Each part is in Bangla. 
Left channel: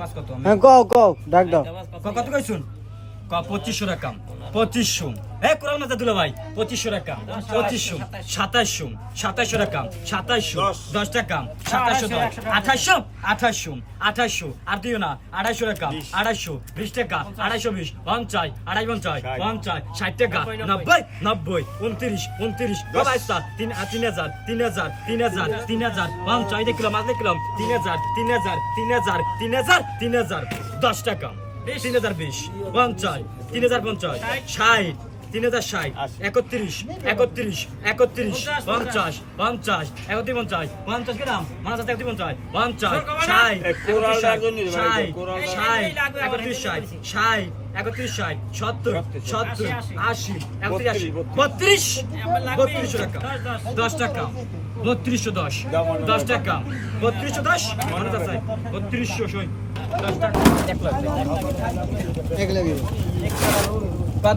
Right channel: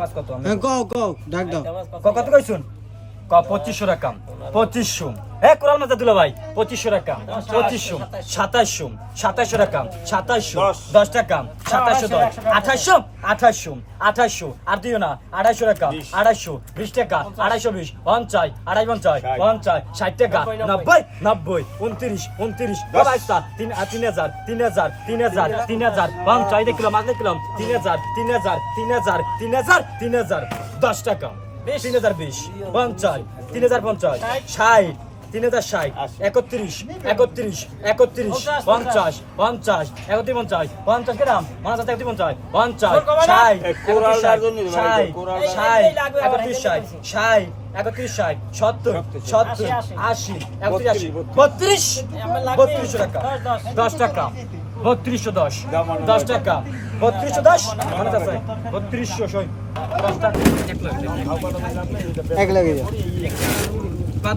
মাছ কত কও ডাক দাও কত কইছুন 2500 টাকা 2500 কোরাল মাছ দিল ভাই 2500 টাকা 2500 2700 2700 টাকা 2700 10 টাকা 2710 2800 আর দিও না 250 টাকা 250 20 টাকা 220 50 250 60 টাকা 90 29 3000 50 কিলো মাছ দেখলাম 3000 10 টাকা 3020 50 3050 60 3060 31 50 গ্রাম 50 টাকা 10 টাকা 3210 10 টাকা 3210 মনে আছে 3200 10 টাকা 1 লাখ এক লাগে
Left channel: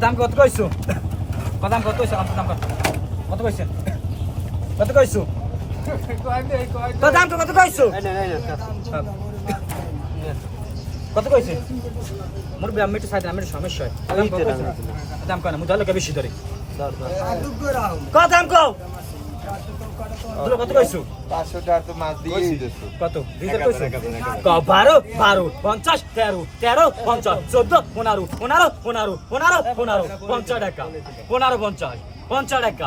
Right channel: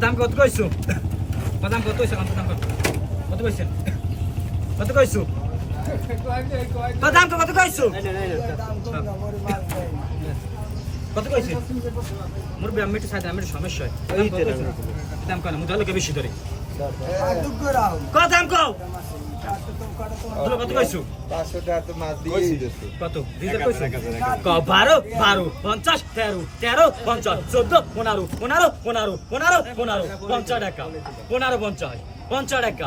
দাম কত কইছো দাম কত কইছো কত কইছেন কত কইছো দাম কত কইছো কত কইছেন মোর আমি একটু সাইড আমি সমস্যা হয় দাম কত কইছো দাম কত মু জানো কে বেশি ধরে কত দাম কও দুলো কত কইছো 500 টাকা তো মাছ দিয়ে দিছো কত দিতে কইছো 12 50 13 50 14 15 50 টাকা 50 টাকা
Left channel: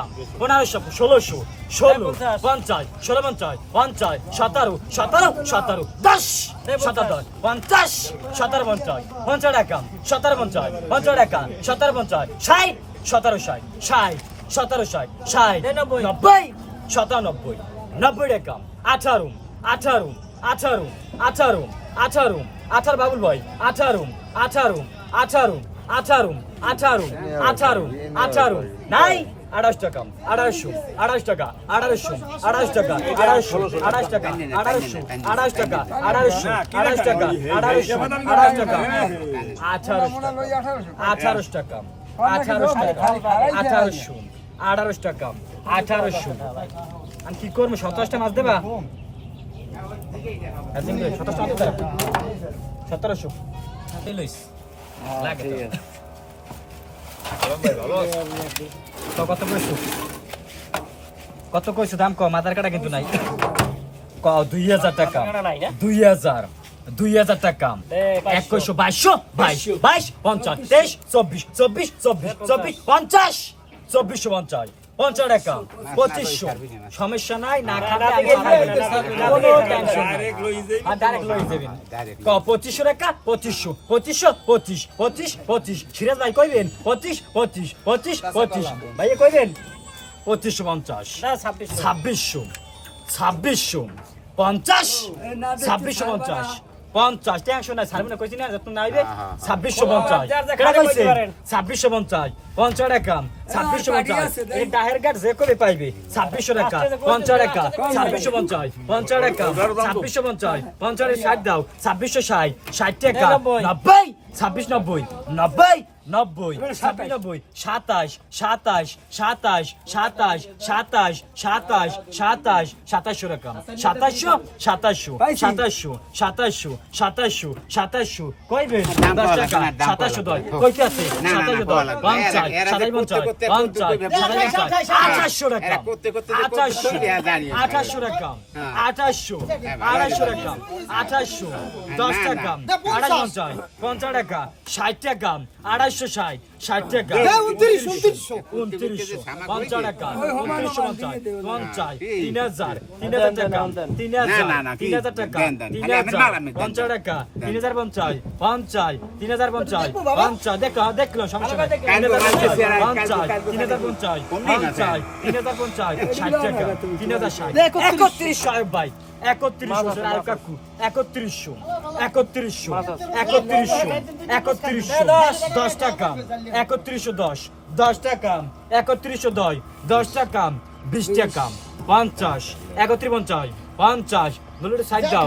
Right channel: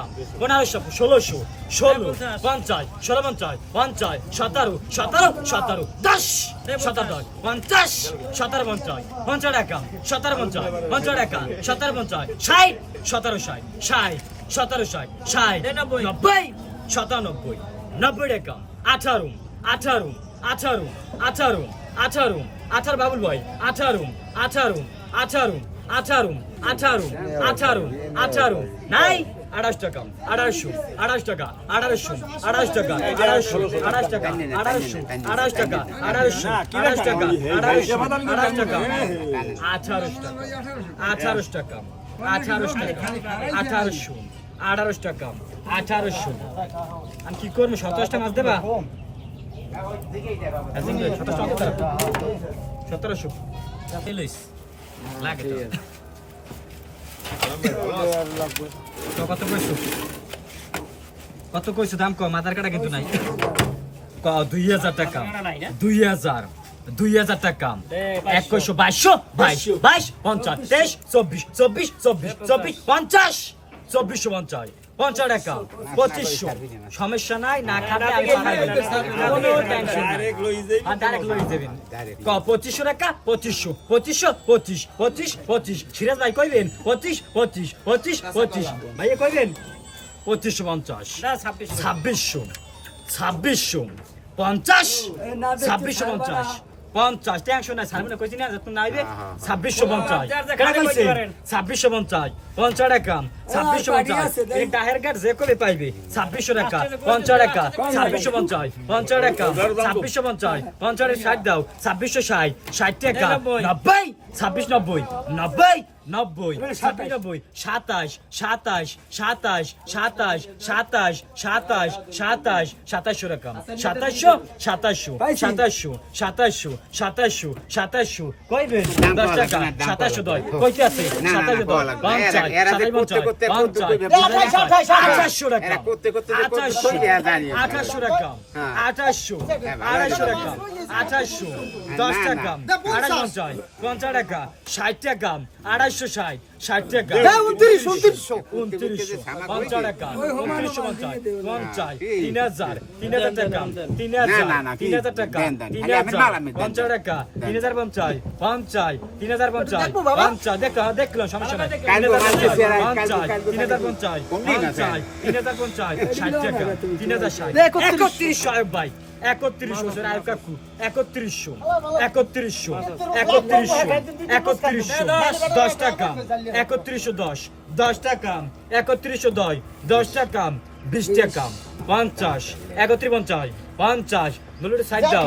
1500 1600 50 17 10 50 টাকা 50 টাকা 60 17 60 90 টাকা 18 বাবুল ভাই 18 নাই 28 টাকা 28 টাকা 28 টাকা 28 টাকা 28 টাকা 18 টাকা 18 টাকা 1800 আমি কি করবো 27টা মাছ দেবা 1700 লাগে কত কইছো দাম কম আধার কার্ড কিন্তু নাই 2000 টাকা 2000 টাকা 2100 22 50 23 24 50 50 টাকা 2500 সমস্যা নাই না খাবে আমি কোনো টেনশন নাই ডাইরেক্ট লই যাবেন 2500 টাকা 25 সিরাজ ভাই কইবেন 25 ভাই কইবেন 2550 না 2600 50 টেনশন নাই সারমনে কইছি না যত নাইবে 2650 কেন কইছে 2650 50 টাকা 2650 এই ডাহের গাট যে কবে পাইবে 2600 টাকা 50 টাকা 2650 50 টাকা 2650 50 এর 60 দাও 2660 60 টাকা 90 2690 90 27 টাকা 27 কইবেন 10 টাকা 27 দয় কইতে আছে 27 দয় 50 2800 টাকা 2800 টাকা 2800 10 টাকা 50 টাকা 60 টাকা 260 60 টাকা 29 50 টাকা 29 3000 টাকা 3000 টাকা 50 টাকা 3050 দেখলাম সমস্যা নাই 3050 60 টাকা 3060 31 ভাই 31 আর কাকু 31 10 টাকা 3110 টাকা 3110 টাকা 20 টাকা 50 3150 নলুটে সাইড দাও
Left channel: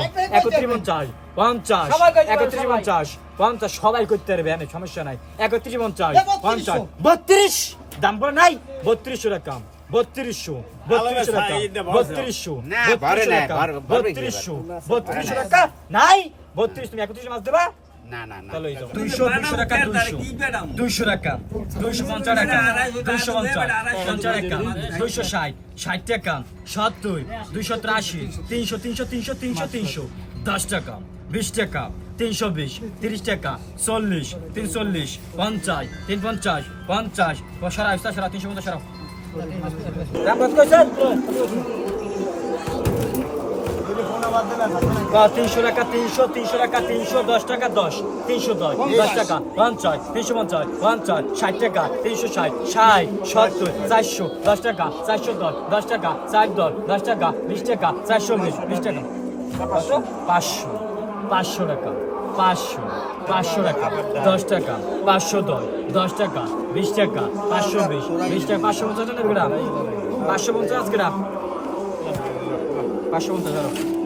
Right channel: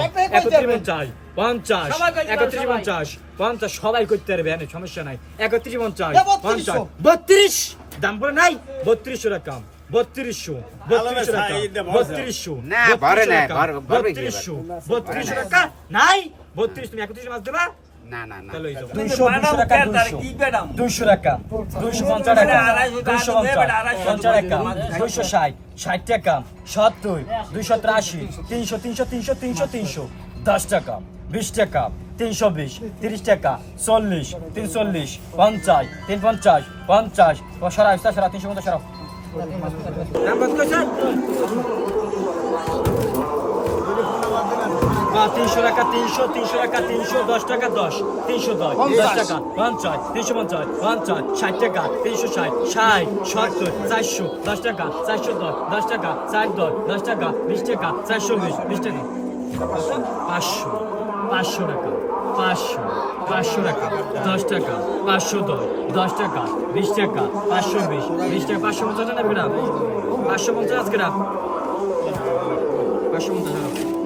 3150 সবাই করতে পারবে এনে সমস্যা নাই 3150 32 দাম বলে নাই 3200 টাকা 3200 টাকা 3200 টাকা নাই 32 তুমি 31 মাছ দিবা না না না তাহলে 200 টাকা 200 টাকা 250 টাকা 250 টাকা 260 60 টাকা 70 283 300 300 300 300 300 10 টাকা 20 টাকা 320 30 টাকা 40 340 50 350 50 সারা 350 সারা দাম কত কইছেন 300 টাকা 300 300 টাকা 310 টাকা 10 310 10 টাকা 50 350 50 60 টাকা 360 60 70 400 10 টাকা 410 10 টাকা 410 10 টাকা 20 টাকা 420 20 টাকা 500 500 টাকা 500 টাকা 10 টাকা 510 10 টাকা 20 টাকা 520 20 টাকা 550 টাকা গ্রাম 550 গ্রাম 550 টাকা